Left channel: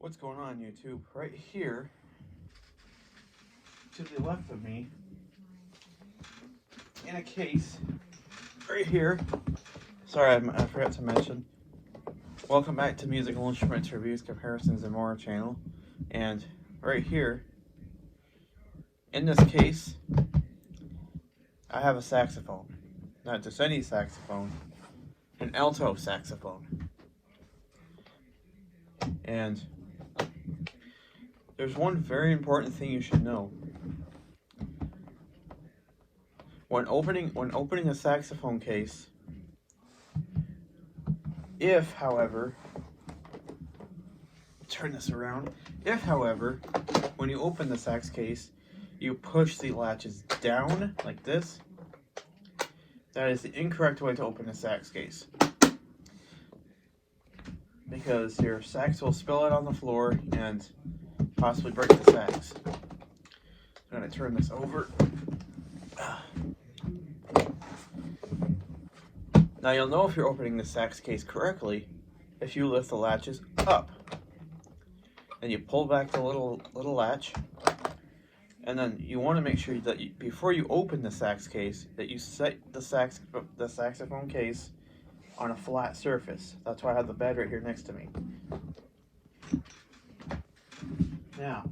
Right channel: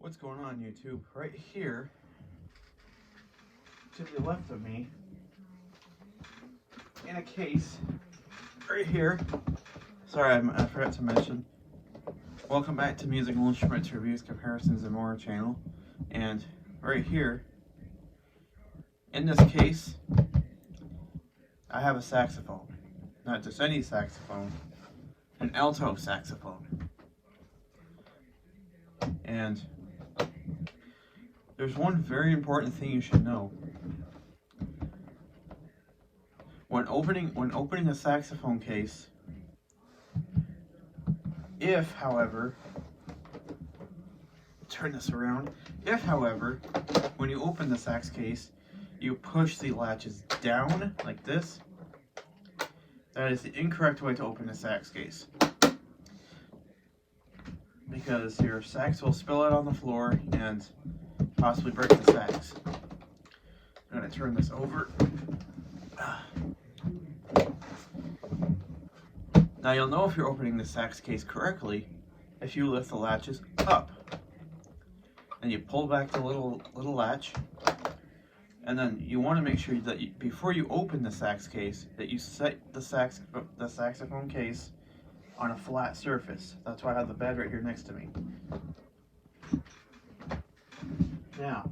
What's going on, YouTube? Right here, to the left of me, in a case, right here. Sorry, I forgot to mention. Welcome back to Musical Instruments Reviews, Comparisons, and More channel. And right here, in this case, I have a saxophone. Not just any saxophone, an alto saxophone. And there's one very important thing you should know. When opening a saxophone case, if, however, turn this around, if, however, when you open the sax case, you push the latches down like this, that is the incorrect way to open a sax case. Because your sax will spill out on the floor and possibly break the sax. I'm going to turn this over. Now you'll know if you're opening the sax case correctly if you lift the latches up. And you pull back the little latch. And then you want to make sure that before you open the sax case, that you set the saxophone case on a flat surface. That's why I have the bed right here next to me. Now,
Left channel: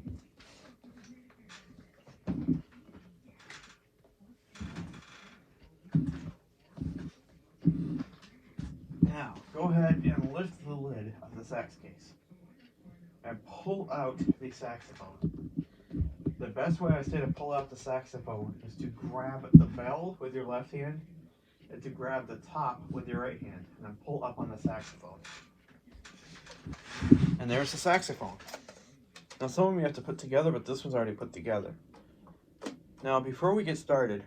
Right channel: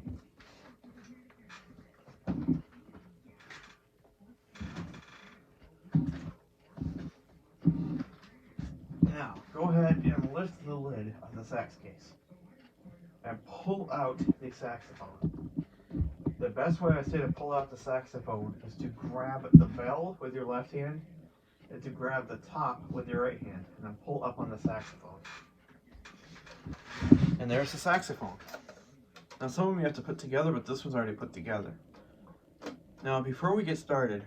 go ahead and lift the lid on the sax case and pull out the saxophone. The best way I say to pull out the saxophone is to grab the bell with your left hand and to grab the top with your right hand and then pull up on the saxophone. And there's the saxophone. Now some of them you have to put together, but this one's already put together. Now before we get started,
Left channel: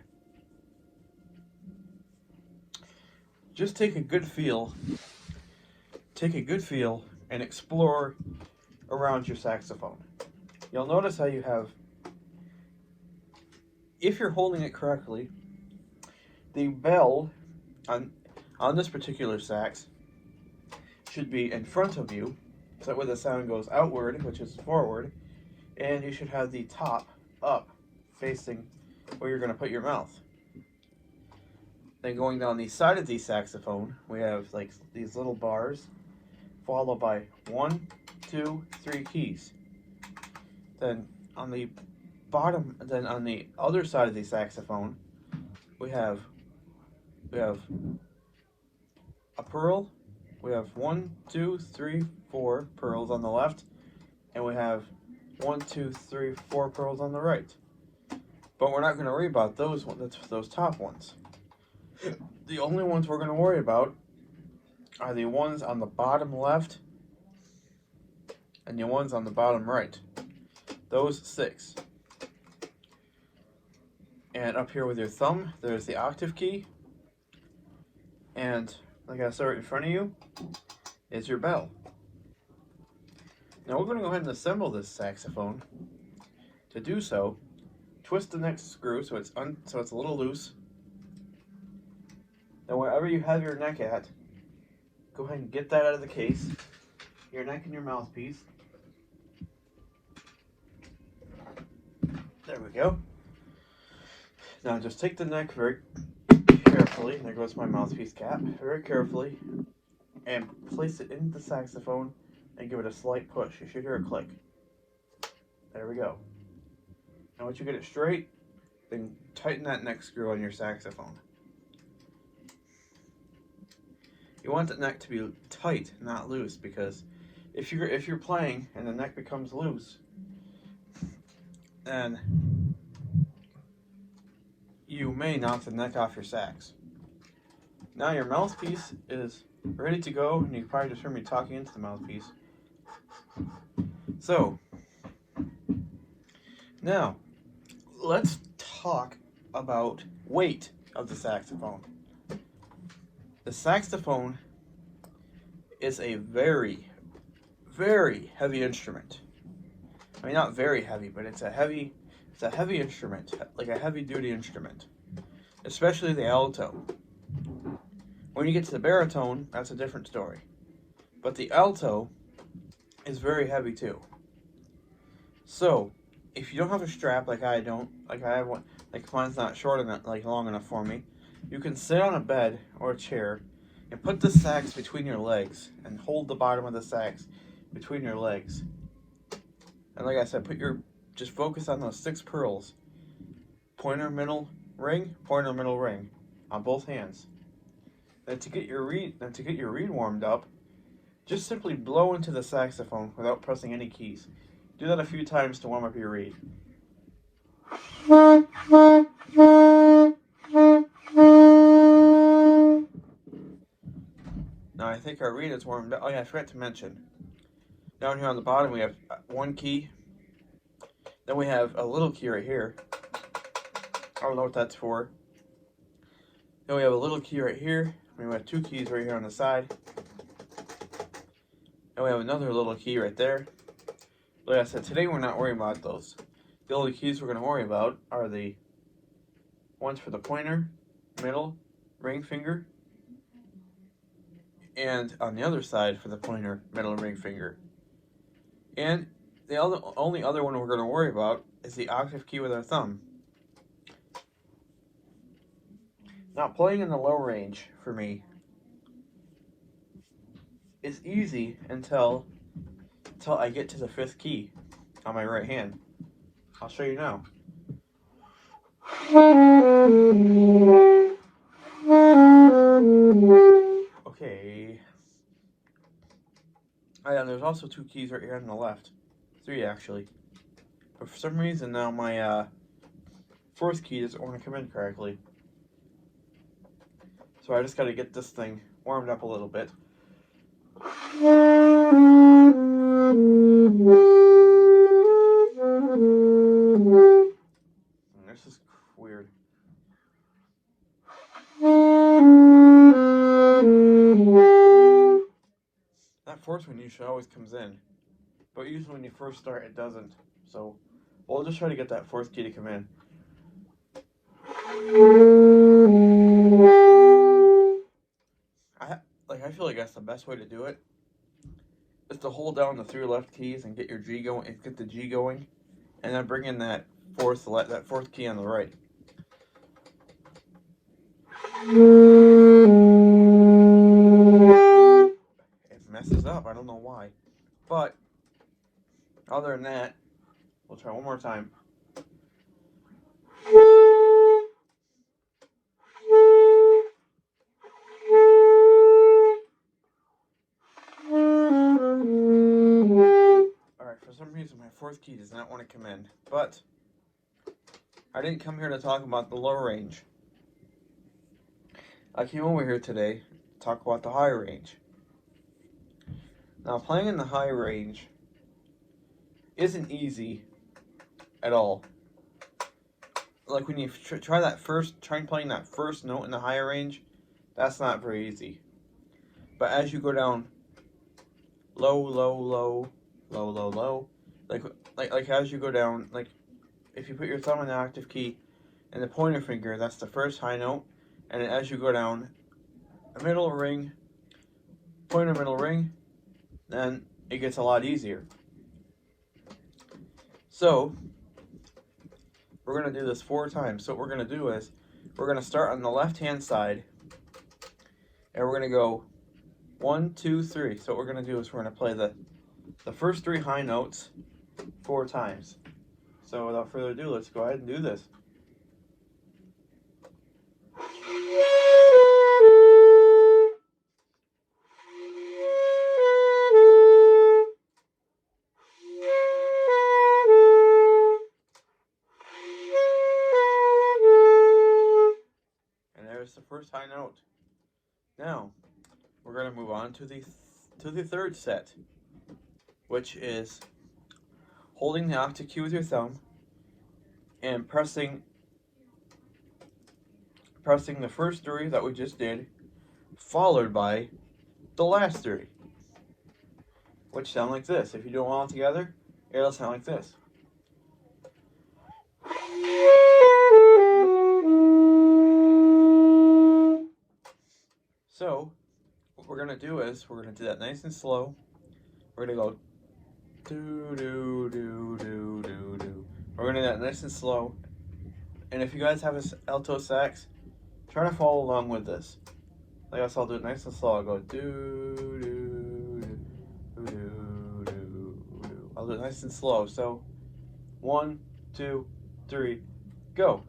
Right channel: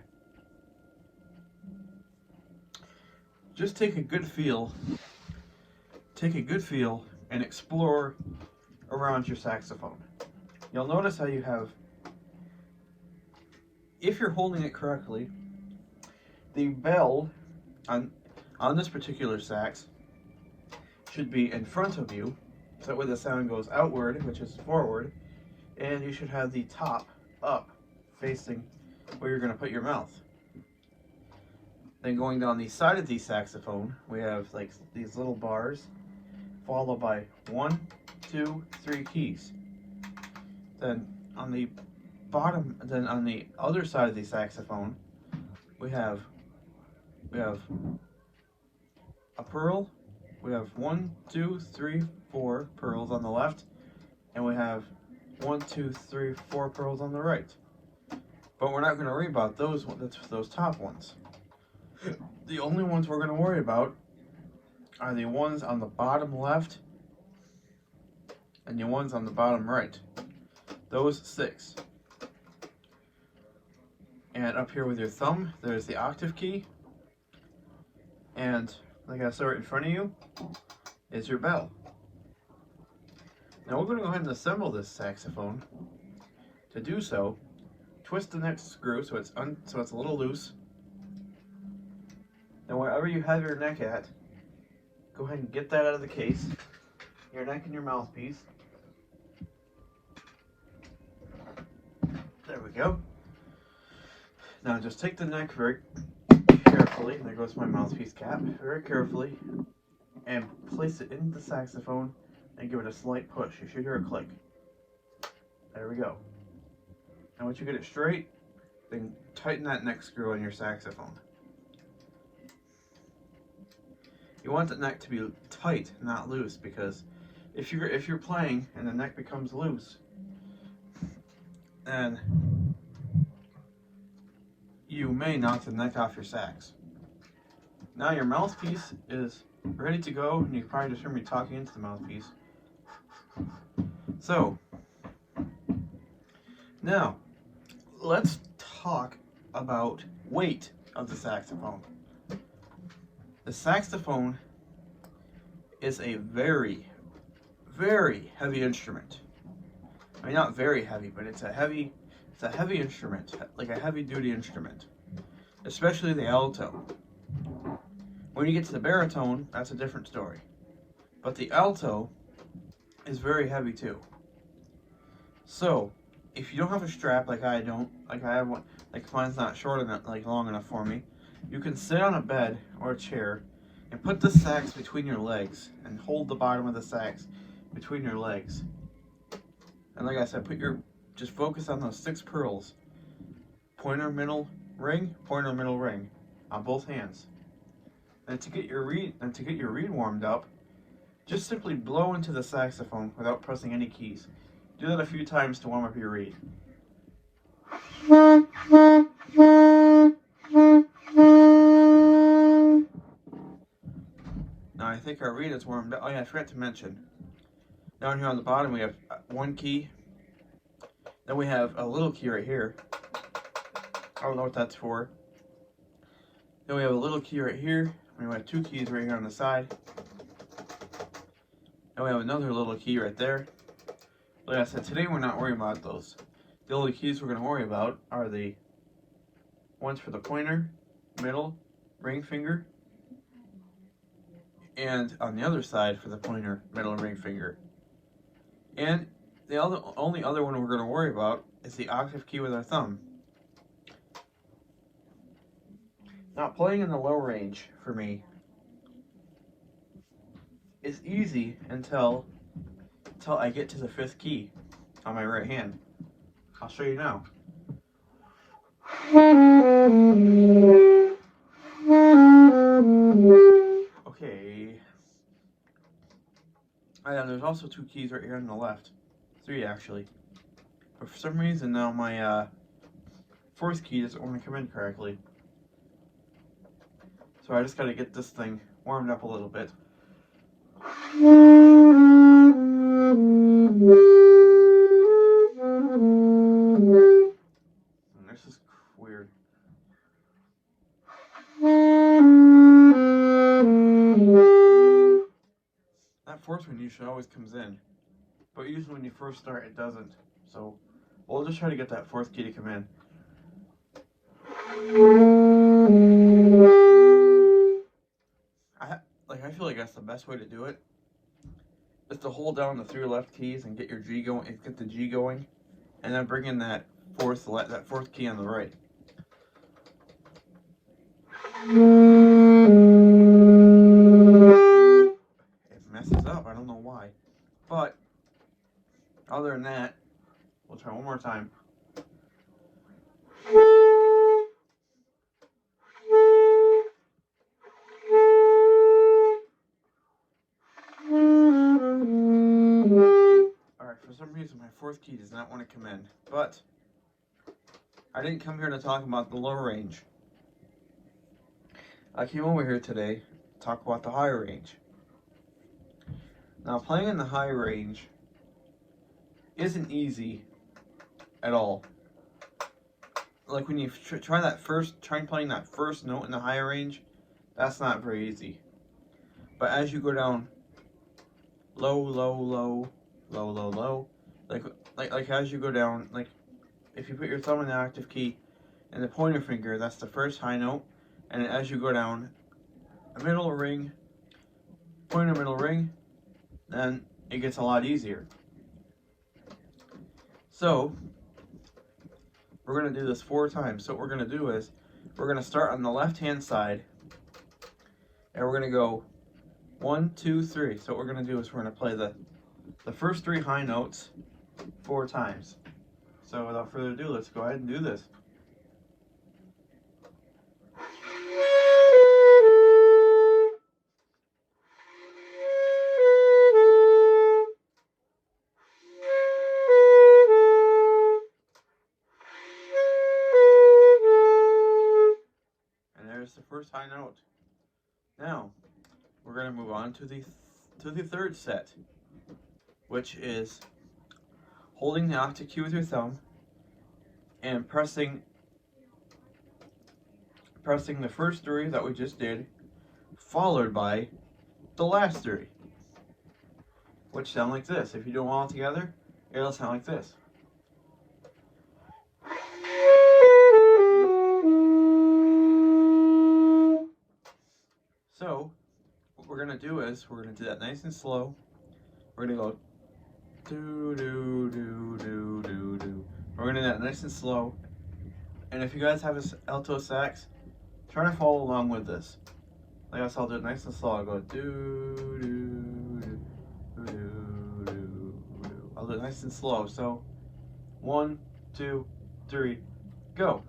just take a good feel and explore around your saxophone. You'll notice how you have, if you're holding it correctly, the bell on this particular sax should be in front of you, so that way the sound goes outward, which is forward, and you should have the top up, facing where you're going to put your mouth. Then going down the side of the saxophone, we have like these little bars, followed by 1, 2, 3 keys. Then on the bottom, then on the other side of the saxophone, we have a pearl. We have 1, 2, 3, 4 pearls on the left, and we have 1, 2, 3, 4 pearls on the right. But we're not going to worry about those top ones. The only ones we're going to worry about are the ones on the bottom left and the ones on the bottom right. Those 6. And up here with your thumb, there's the octave key. And like I said, right in front of you is your bell. Now we're going to go ahead and assemble this saxophone. To do so, twist the next screw so it's a little loose. Then wherever you have your neck at, go ahead and get that out of the case. Your neck and your mouthpiece. There we go. Now just take the neck very carefully, there goes my mouthpiece cap, very carefully, and place it in the saxophone and give it a slight push. You should hear a click. There we go. And once you get it straight, then tighten that neck screw on your saxophone. You want the neck to be tight, not loose, because if you're playing and the neck becomes loose, then you may knock the neck off your sax. Now your mouthpiece is ready to go, and you probably just heard me talking into the mouthpiece. So, now, let's talk about weight of the saxophone. The saxophone is a very, very heavy instrument. I mean, not very heavy, but it's a heavy instrument, like a heavy-duty instrument, especially the alto. When you get to the baritone, that's a different story. But the alto is very heavy too. So, if you don't have a strap like I don't, like I have one, like mine's not short enough, like long enough for me, you can sit on a bed or a chair and put the sax between your legs and hold the bottom of the sax between your legs. And like I said, just focus on those 6 pearls. Pointer, middle, ring on both hands. Then to get your reed warmed up, just simply blow into the saxophone without pressing any keys. Do that a few times to warm up your reed. Now I think our reed is warmed up. Oh yeah, I forgot to mention. Down here on the bottom we have one key. Then we have a little key right here. I don't know what that's for. Then we have a little key right here. We have 2 keys right here on the side. And we have another little key right there. Like I said, today we're not worrying about those. The only keys we're going to worry about are the ones for the pointer, middle, ring finger, and on the other side for the pointer, middle, ring finger. And the only other one we're going to worry about is the octave key with our thumb. Now, playing in the low range for me is easy until I get to the 5th key on my right hand. I'll show you now. Okay. There's also 2 keys right here on the left. 3 actually. But for some reason now my 4th key doesn't want to come in correctly. So I just got to get this thing warmed up a little bit. This is weird. That 4th one usually always comes in, but usually when you first start it doesn't. So we'll just try to get that 4th key to come in. I feel like that's the best way to do it. Is to hold down the 3 left keys and get your G going, and get the G going, and then bring in that 4th key on the right. It messes up. I don't know why, but other than that, we'll try one more time. For some reason my 4th key does not want to come in, but I didn't come here to talk about the low range. I came over here today to talk about the high range. Now, playing in the high range isn't easy at all. Like when you try playing that first note in the high range, that's not very easy. But as you go down low, low, low, low, low, low, like as you go down, like if you put your thumb in the octave key and the pointer finger, that's the first high note, and as you go down middle ring, pointer, middle ring, then it gets a lot easier. So we're going to do this 4 times. So what we're going to do is we're going to start on the left hand side and we're going to go 1, 2, 3. So what we're going to do is we're going to play the first 3 high notes 4 times. So without further ado, let's go ahead and do this. And there's the first high note. Now, we're going to move on to the 3rd set, which is holding the octave key with your thumb and pressing the first 3 that we just did, followed by the last 3, which sound like this. If you do them all together, it'll sound like this. So what we're going to do is we're going to do that nice and slow. We're going to go Do, do, do, do, do, do. We're gonna do that nice and slow. And if you guys have an alto sax, try to follow along with this. Like I said, I'll do it nice and slow. I'll go do, do, do, do, do, do. I'll do it nice and slow. So, 1, 2, 3, go.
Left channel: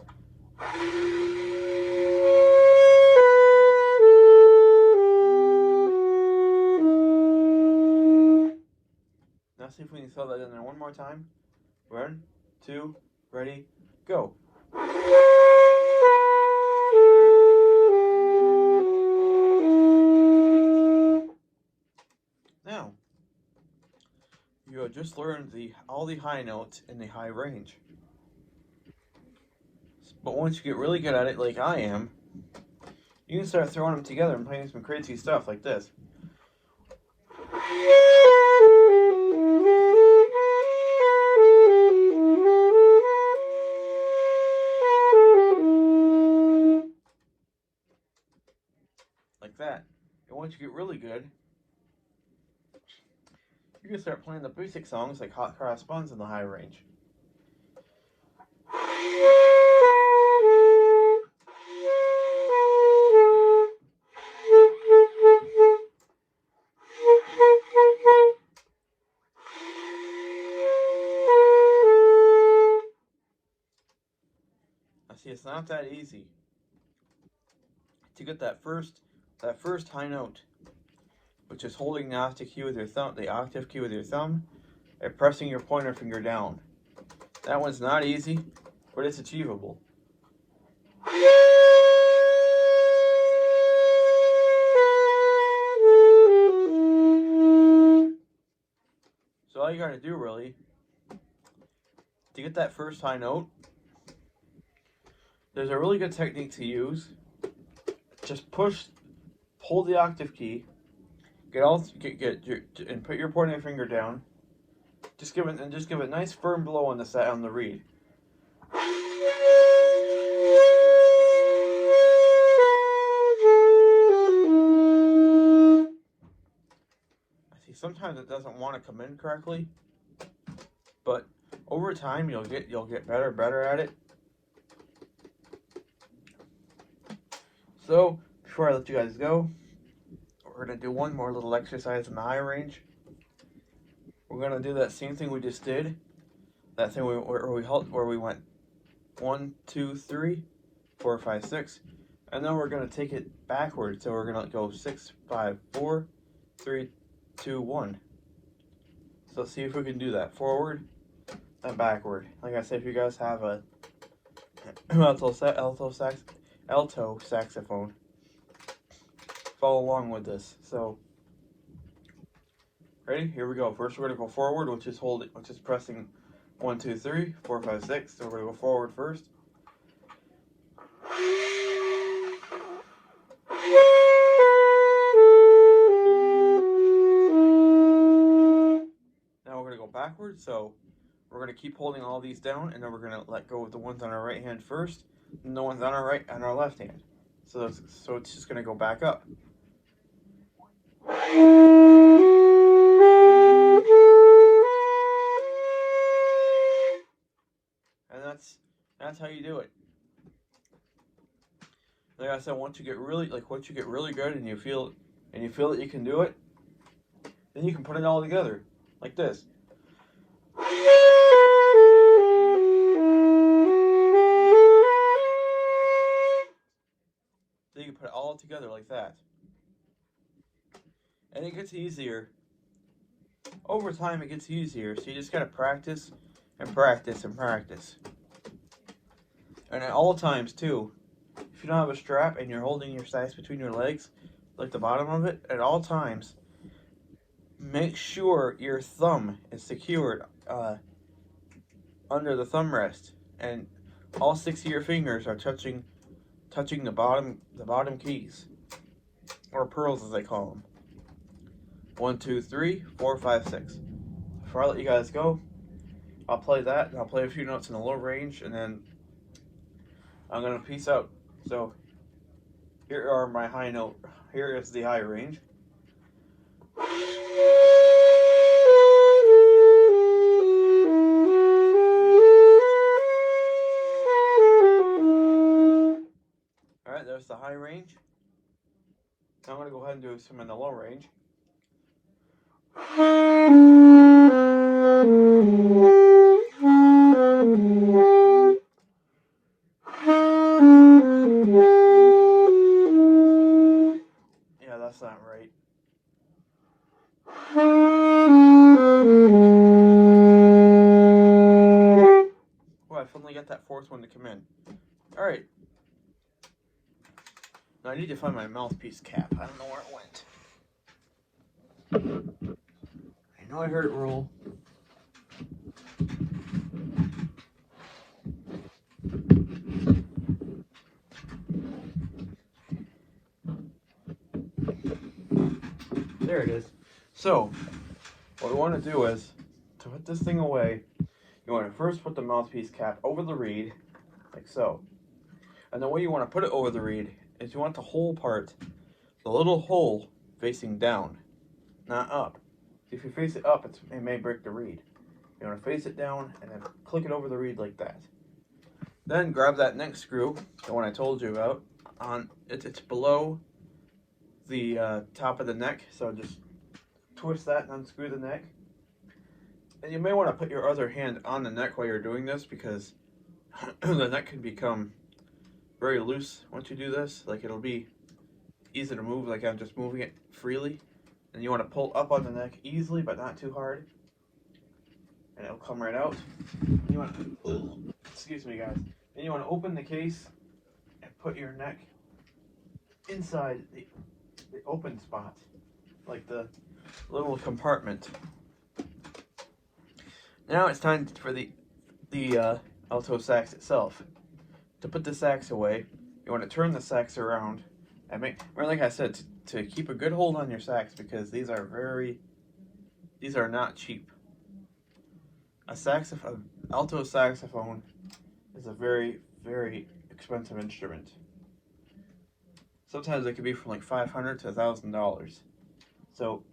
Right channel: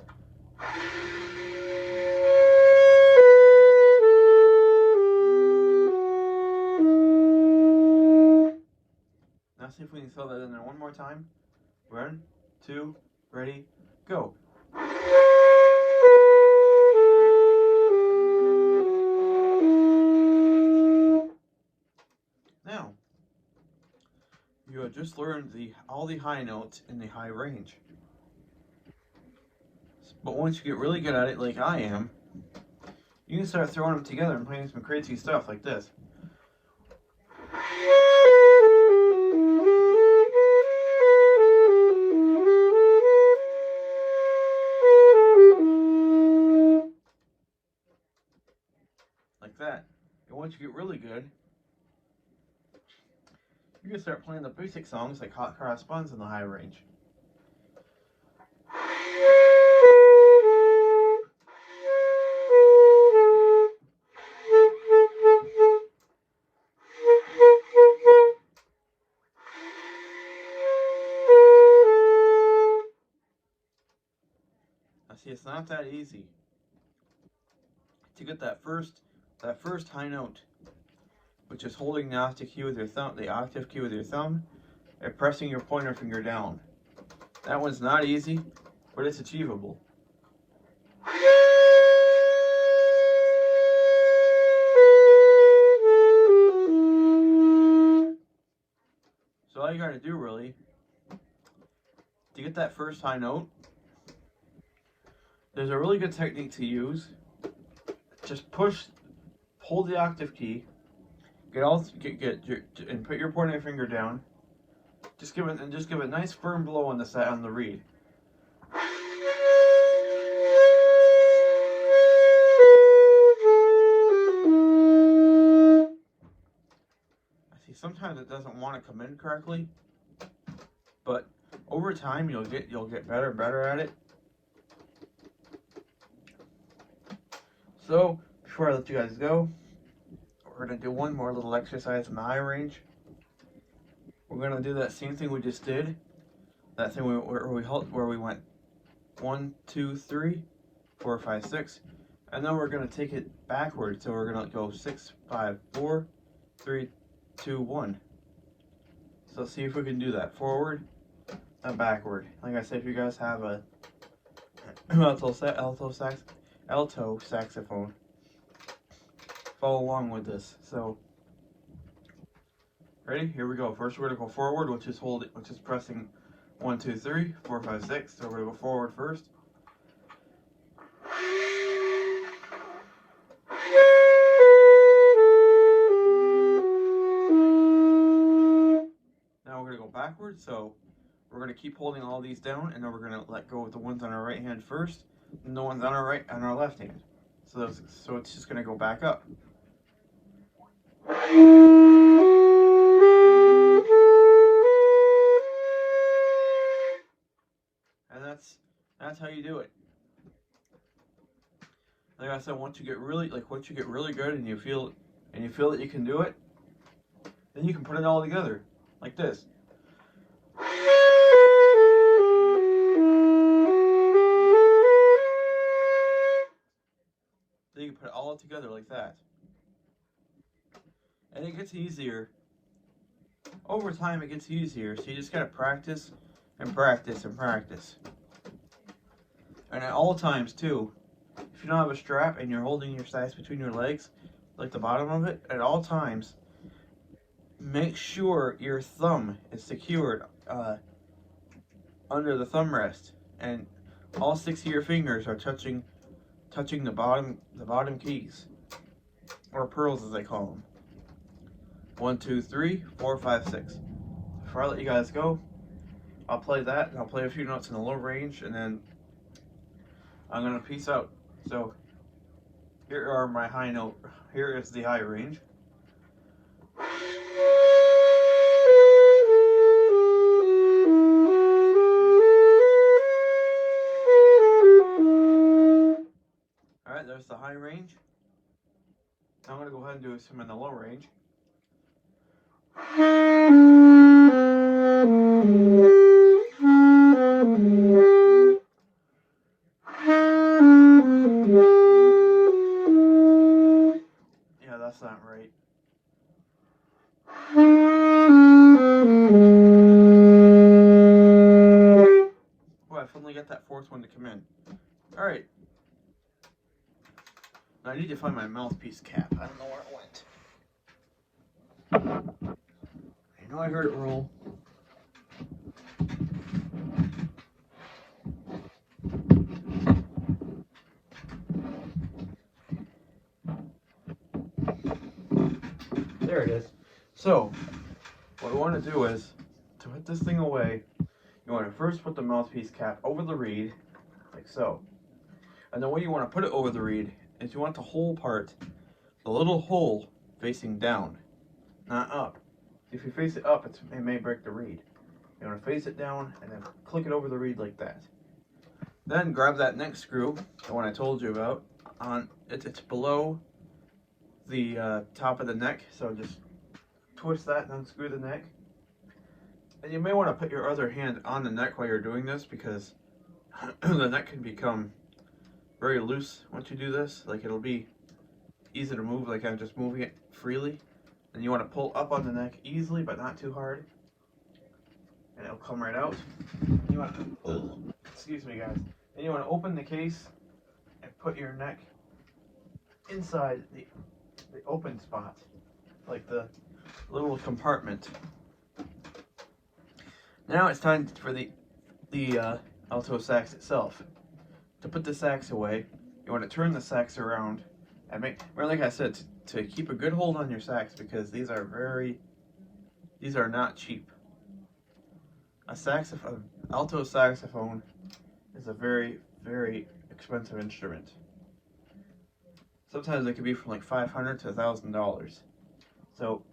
Now see if we can throw that in there one more time. 1, 2, ready, go. Now, you have just learned all the high notes in the high range. But once you get really good at it, like I am, you can start throwing them together and playing some crazy stuff like this. Like that. And once you get really good, you can start playing the basic songs like Hot Cross Buns in the high range. Now see, it's not that easy to get that first high note, which is holding the octave key with your thumb, and pressing your pointer finger down. That one's not easy, but it's achievable. So all you gotta do really, to get that first high note, there's a really good technique to use. Just hold the octave key, and put your pointer finger down. Just give it a nice firm blow on the reed. See, sometimes it doesn't want to come in correctly, but over time you'll get better and better at it. So before I let you guys go, we're gonna do one more little exercise in the high range. We're gonna do that same thing we just did. That thing where we went 1, 2, 3, 4, 5, 6, and then we're gonna take it backwards. So we're gonna go 6, 5, 4, 3, 2, 1. So let's see if we can do that forward and backward. Like I said, if you guys have a alto saxophone, follow along with this. So, ready? Here we go. First, we're gonna go forward, which is pressing 1, 2, 3, 4, 5, 6. So we're gonna go forward first. Now we're gonna go backwards. So we're gonna keep holding all these down, and then we're gonna let go of the ones on our right hand first, and the ones on our left hand. So it's just gonna go back up. And that's how you do it. Like I said, once you get really good and you feel that you can do it, then you can put it all together like this. Then you can put it all together like that. And it gets easier. Over time it gets easier, so you just gotta practice and practice and practice. And at all times too, if you don't have a strap and you're holding your sax between your legs, like the bottom of it, at all times, make sure your thumb is secured under the thumb rest, and all 6 of your fingers are touching the bottom keys, or pearls as they call them. 1, 2, 3, 4, 5, 6. Before I let you guys go, I'll play that, and I'll play a few notes in the low range, and then I'm gonna peace out. So here are my high note. Here is the high range. high range. I'm going to go ahead and do some in the low range. Yeah, that's not right. Well, I finally got that fourth one to come in. Alright. Now I need to find my mouthpiece cap. I don't know where it went. I know I heard it roll. There it is. So, what we want to do is, to put this thing away, you want to first put the mouthpiece cap over the reed, like so. And the way you want to put it over the reed is you want the whole part, the little hole, facing down, not up. If you face it up, it may break the reed. You want to face it down and then click it over the reed like that. Then grab that neck screw, the one I told you about. It's below the top of the neck, so just twist that and unscrew the neck. And you may want to put your other hand on the neck while you're doing this, because the neck can become very loose once you do this. Like, it'll be easy to move, like I'm just moving it freely. And you want to pull up on the neck easily, but not too hard. And it'll come right out. You want to, excuse me guys. Then you want to open the case and put your neck inside the open spot, like the little compartment. Now it's time for the alto sax itself. To put the sax away, you want to turn the sax around and like I said, to keep a good hold on your sax, because these are not cheap. Alto saxophone is a very, very expensive instrument. Sometimes it can be from like $500 to $1,000. So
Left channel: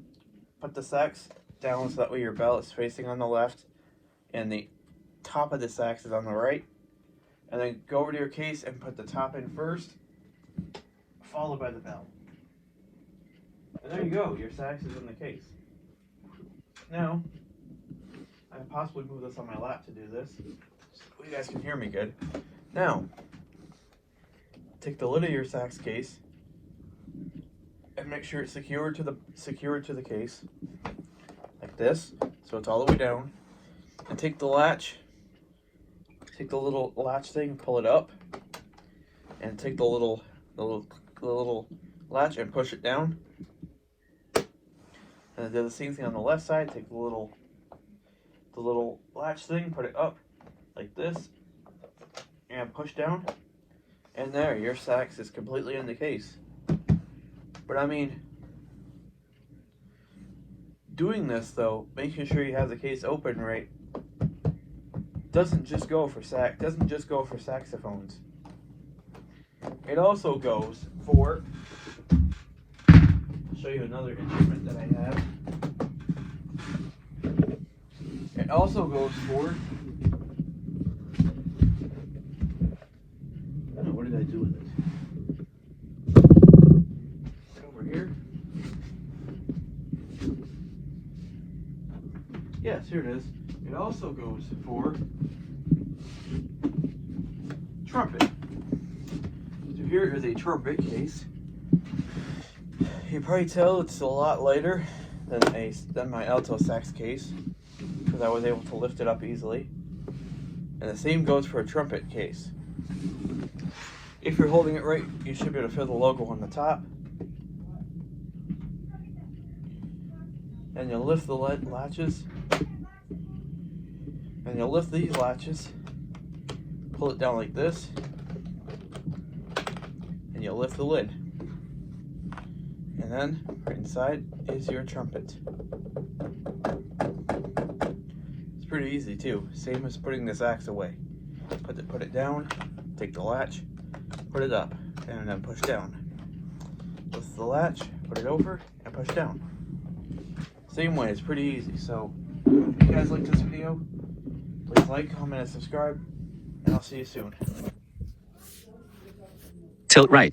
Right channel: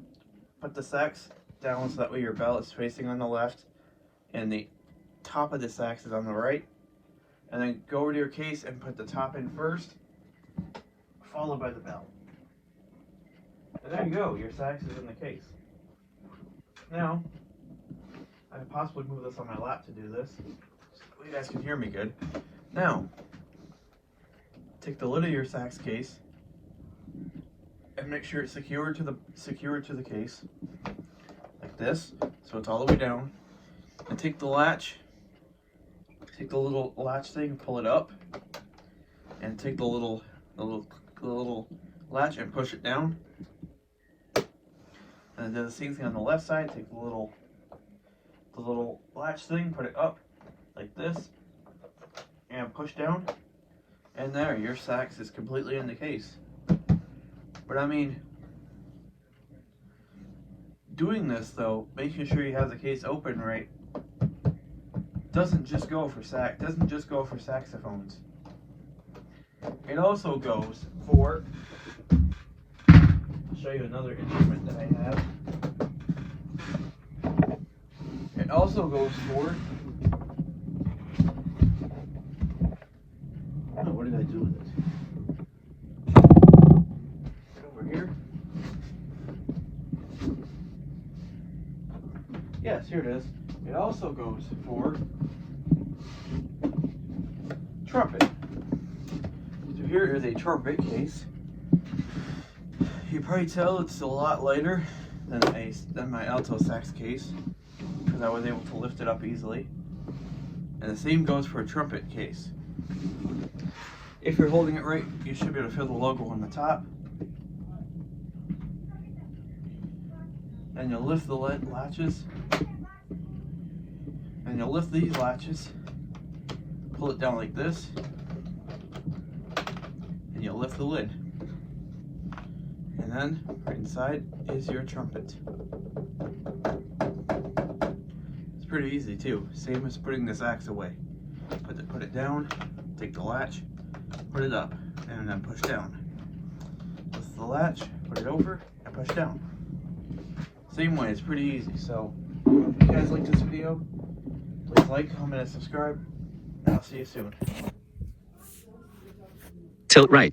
put the sax down so that way your bell is facing on the left and the top of the sax is on the right. And then go over to your case and put the top in first, followed by the bell. And there you go, your sax is in the case. Now, I can possibly move this on my lap to do this, so you guys can hear me good. Now, take the lid of your sax case and make sure it's secured to the case, like this, so it's all the way down. And take the latch, take the little latch thing, pull it up, and take the little latch and push it down. And then do the same thing on the left side. Take the little latch thing, put it up like this, and push down. And there, your sax is completely in the case. But I mean, doing this though, making sure you have the case open right, doesn't just go for saxophones. It also goes for, I'll show you another instrument that I have. It also goes for, oh, what did I do with it? Is it over here? Yes, here it is. It also goes for trumpet. So here is a trumpet case. You probably tell it's a lot lighter than my alto sax case, because I was able to lift it up easily. And the same goes for a trumpet case. If you're holding it right, you should be able to feel the logo on the top. And you'll lift the latches. And you'll lift these latches, pull it down like this, and you'll lift the lid. And then, right inside is your trumpet. It's pretty easy too, same as putting the sax away. Put it down, take the latch, put it up, and then push down. Lift the latch, put it over, and push down. Same way, it's pretty easy. So, if you guys like this video, please like, comment, and subscribe, and I'll see you soon. Tilt right.